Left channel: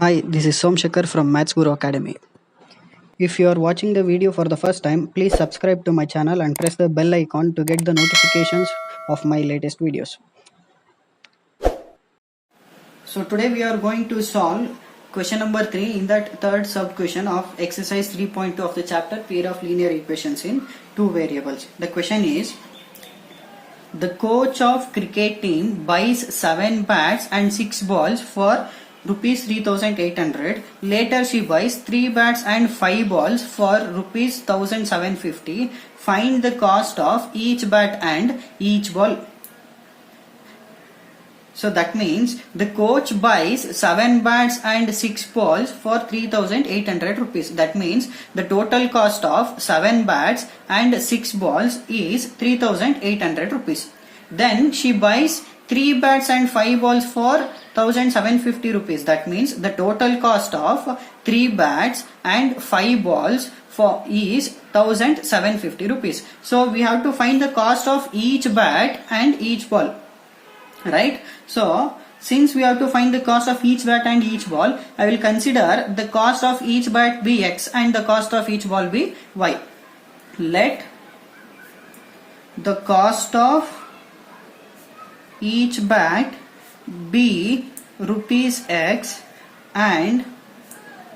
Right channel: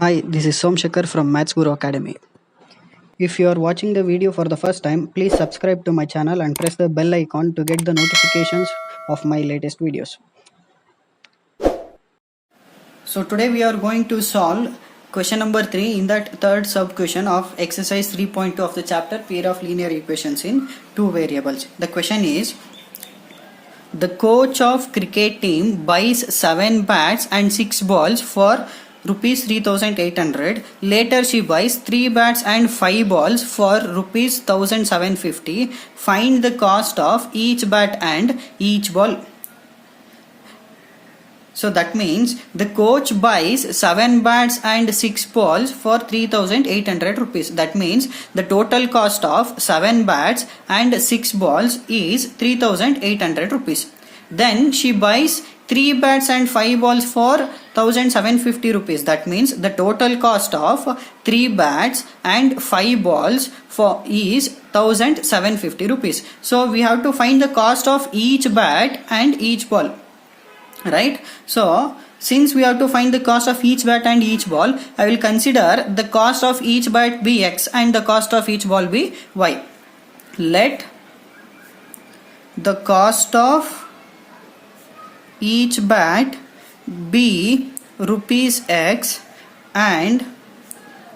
Hi, this is Somshakar from Maths Guru Academy. If you are watching the video for the first time, please subscribe to my channel and press the bell icon to get the notifications of my latest videos. So today we are going to solve question number 3 in that third sub question of exercise 3.2 of the chapter pair of linear equations in two variables. The question is, the coach of cricket team buys 7 bats and 6 balls for rupees 3800. Later she buys 3 bats and 5 balls for rupees 1750. Find the cost of each bat and each ball. So that means the coach buys 7 bats and 6 balls for 3800 rupees. That means the total cost of 7 bats and 6 balls is 3800 rupees. Then she buys 3 bats and 5 balls for 1750 rupees. That means the total cost of 3 bats and 5 balls for is 1750 rupees. So we have to find the cost of each bat and each ball. Right, so since we have to find the cost of each bat and each ball, I will consider the cost of each bat be x and the cost of each ball be y. Let the cost of each bat be rupees x and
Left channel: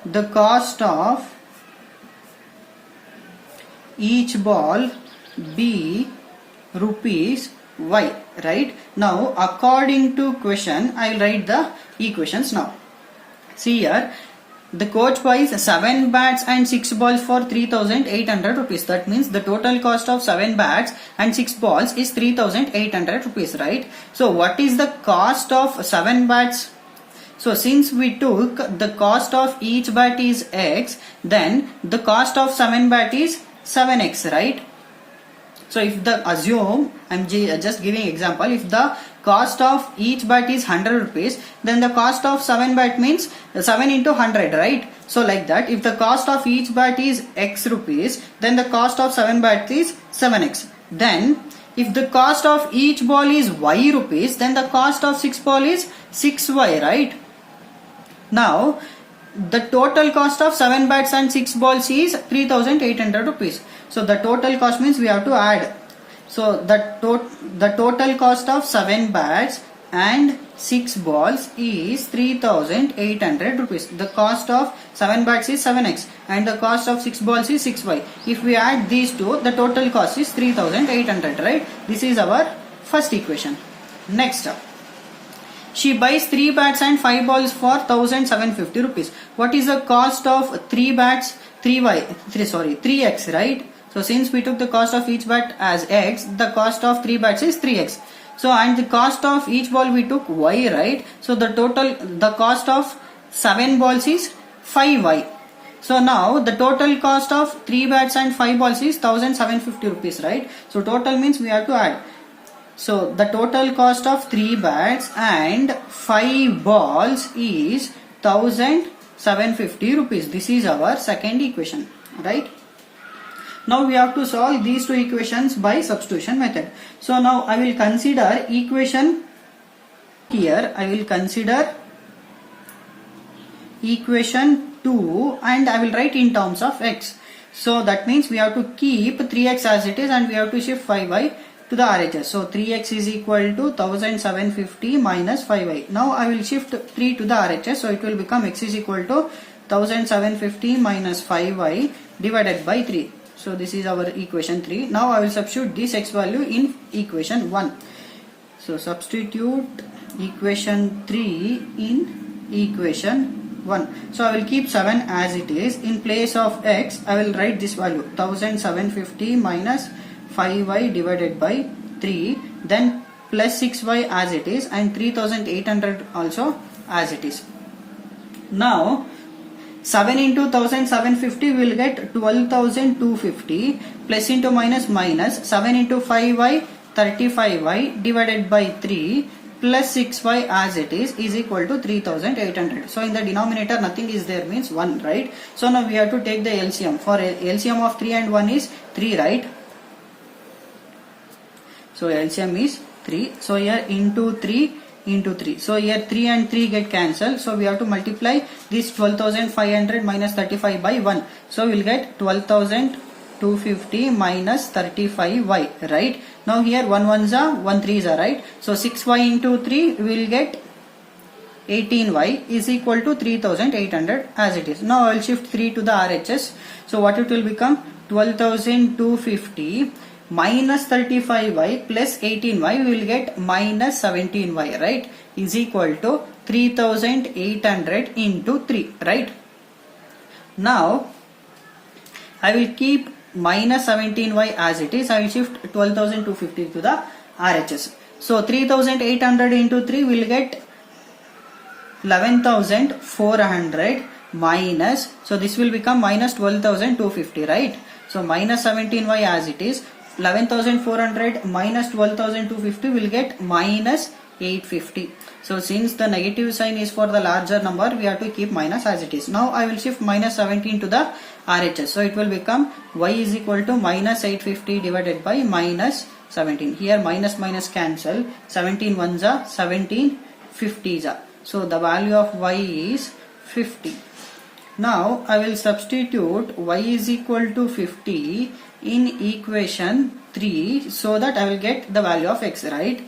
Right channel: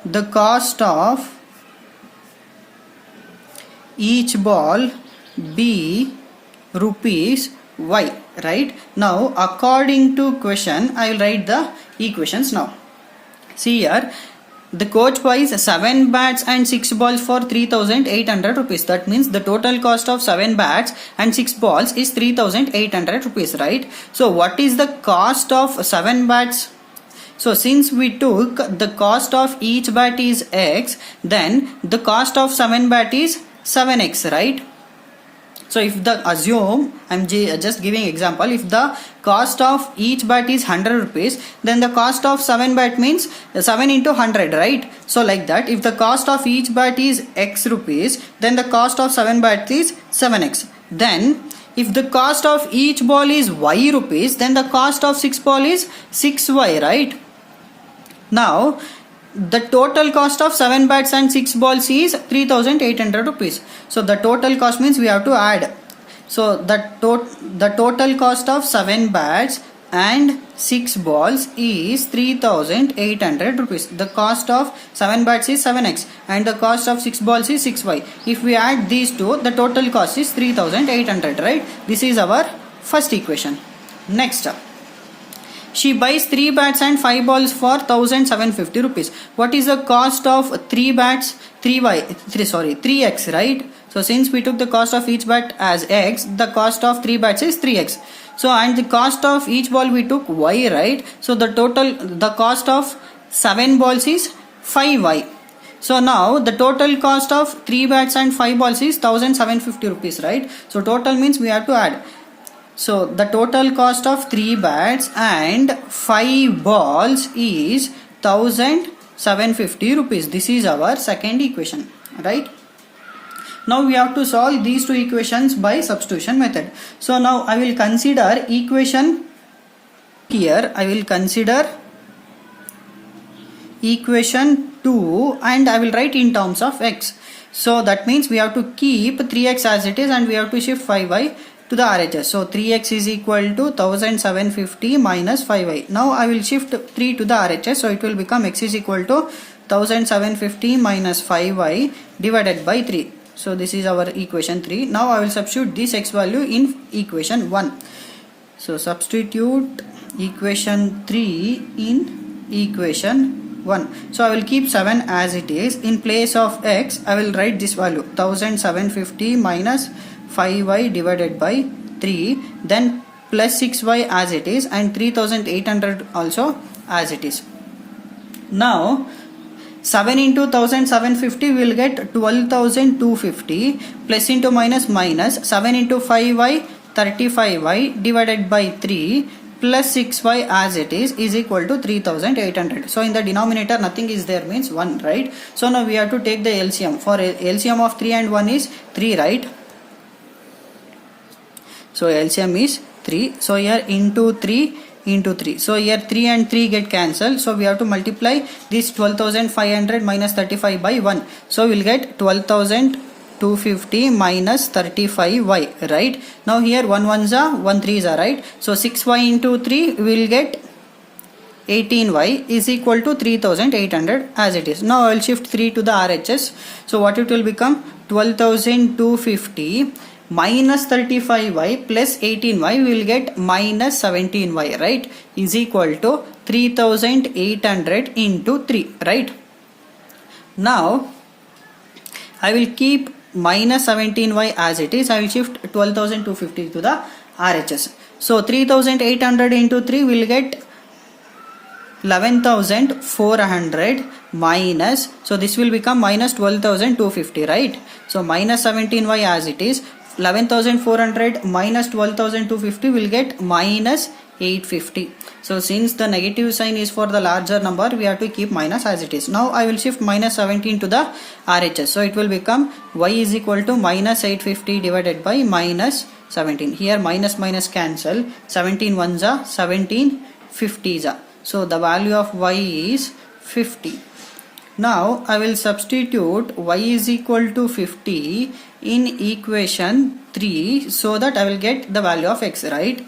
the cost of each ball be rupees y. Right, now according to question I will write the equations now. See here, the coach buys 7 bats and 6 balls for 3800 rupees. That means the total cost of 7 bats and 6 balls is 3800 rupees, right? So what is the cost of 7 bats? So since we took the cost of each bat is x, then the cost of 7 bat is 7x, right? So if the assume, I am just giving example, if the cost of each bat is 100 rupees, then the cost of 7 bat means 7 into 100, right? So like that, if the cost of each bat is x rupees, then the cost of 7 bat is 7x. Then if the cost of each ball is y rupees, then the cost of 6 ball is 6y, right? Now the total cost of 7 bats and 6 balls is 3800 rupees. So the total cost means we have to add. So the total cost of 7 bats and 6 balls is 3800 rupees. The cost of 7 bats is 7x and the cost of 6 balls is 6y. If we add these two, the total cost is 3800, right? This is our first equation. Next, she buys 3 bats and 5 balls for 1750 rupees. What is the cost of 3 bats? 3x, right? So since we took the cost of each bat as x, the cost of 3 bats is 3x. So and the cost of each ball we took y, right? So the cost of 7 balls is 5y. So now the total cost of 3 bats and 5 balls is 1750 rupees, right? So total means we have to add. So the total cost of 3 bats and 5 balls is 1750 rupees. This is our second equation, right? Now we have to solve these two equations by substitution method. So now I will consider equation here. I will consider equation 2 and I will write in terms of x. So that means we have to keep 3x as it is and we have to shift 5y to the RHS. So 3x is equal to 1750 minus 5y. Now I will shift 3 to the RHS. So it will become x is equal to 1750 minus 5y divided by 3. So this is our equation 3. Now I will substitute this x value in equation 1. So substitute equation 3 in equation 1. So I will keep 7 as it is. In place of x, I will write this value 1750 minus 5y divided by 3, then plus 6y as it is and 3800 also as it is. Now 7 into 1750 will get 12250 plus into minus 7 into 5y 35y divided by 3 plus 6y as it is equal to 3800. So in the denominator nothing is there means 1, right? So now we have to take the LCM. For LCM of 3 and 1 is 3, right? So LCM is 3. So here into 3 into 3. So here 3 and 3 get cancelled. So we have to multiply this 12,500 minus 35 by 1. So we will get 12,250 minus 35y, right? Now here 1 1s are 1 3s are, right? So 6y into 3 we will get 18y is equal to 3800 as it is. Now I will shift 3 to the RHS. So what it will become? 12,250 minus 35y plus 18y we will get minus 17y, right, is equal to 3800 into 3, right? Now I will keep minus 17y as it is. I will shift 12,250 to the RHS. So 3800 into 3 will get 11,400 minus, so this will become minus 12,250, right? So minus 17y as it is. 11,400 minus 12,250 will get minus 850. So since the negative sign is for the larger number, we have to keep minus as it is. Now I will shift minus 17 to the RHS. So it will become y is equal to minus 850 divided by minus 17. Here minus minus cancel. 17 ones are 17 50s are. So the value of y is 50. Now I will substitute y is equal to 50 in equation 3 so that I will get the value of x, right?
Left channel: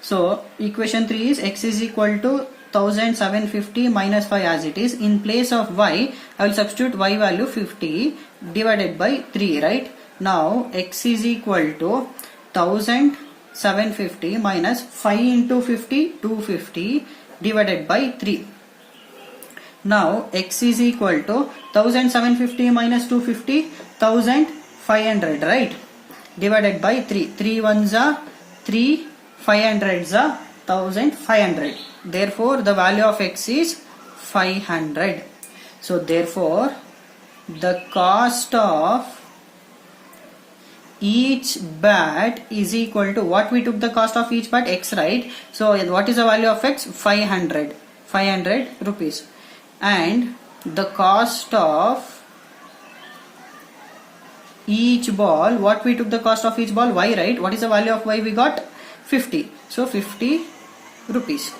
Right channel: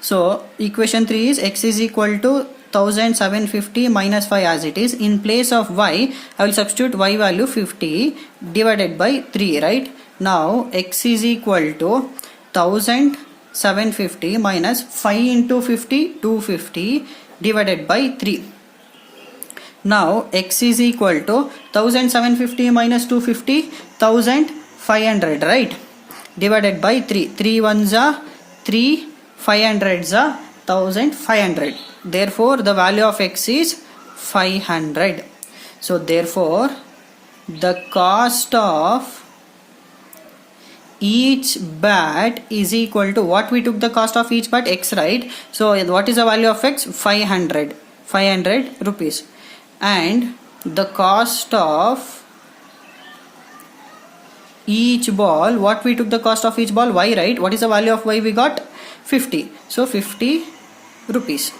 So equation 3 is x is equal to 1750 minus 5 as it is. In place of y, I will substitute y value 50 divided by 3, right? Now x is equal to 1750 minus 5 into 50, 250 divided by 3. Now x is equal to 1750 minus 250, 1500, right, divided by 3. 3 ones are 3, 500s are 1500. Therefore the value of x is 500. So therefore the cost of each bat is equal to what we took the cost of each bat, x, right? So what is the value of x? 500 rupees. And the cost of each ball, what we took the cost of each ball? Y, right? What is the value of y we got? 50. So 50 rupees.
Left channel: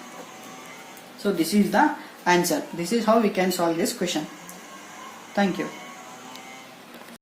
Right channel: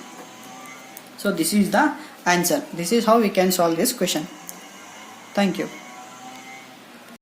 So this is the answer. This is how we can solve this question. Thank you.